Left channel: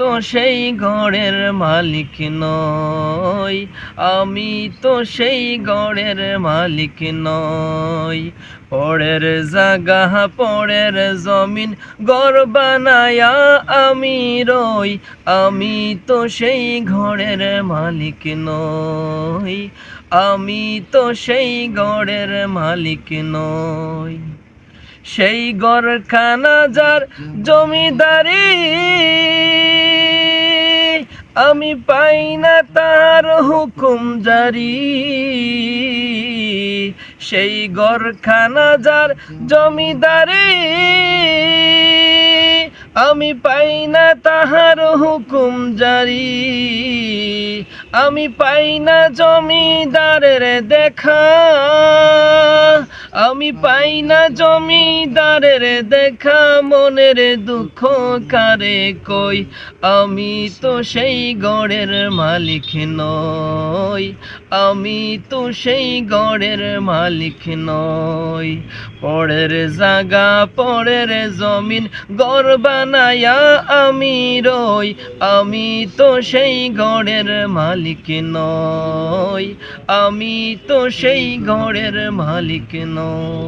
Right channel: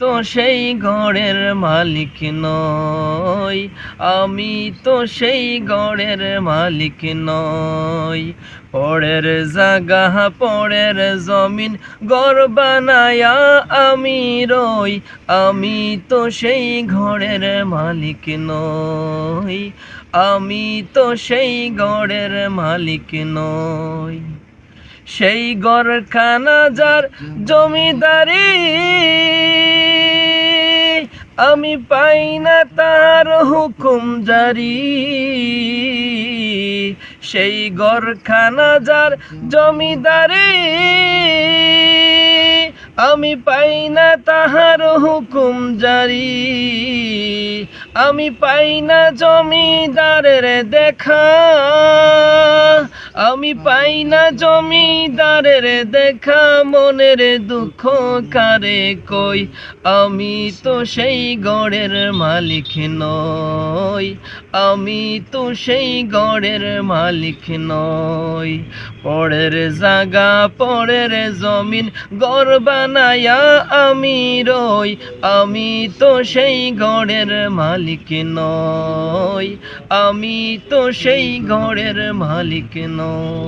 তো সেই ঘরের মালিক নই, আমি তো সেই ঘরের মালিক নই। পরের জায়গা পরের জমিন ঘর বানায়া আমি রই, আমি তো সেই ঘরের মালিক নই, আমি তো সেই ঘরের মালিক নই। সেই ঘরখানা যার জমিদারি, আমি পাই না তার হুকুম জারি। সেই ঘরখানা যার জমিদারি, আমি পাই না তাহার হুকুম জারি। আমি পাই না জমিদারের দেখা, আমি পাই না জমিদারের দেখা। মনের দুঃখ কারে কই, আমি তো সেই ঘরের মালিক নই, আমি তো সেই ঘরের মালিক নই। পরের জায়গা পরের জমিন ঘর বানায়া আমি রই, আমি তো সেই ঘরের মালিক নই, আমি তো সেই ঘরের মালিক নই।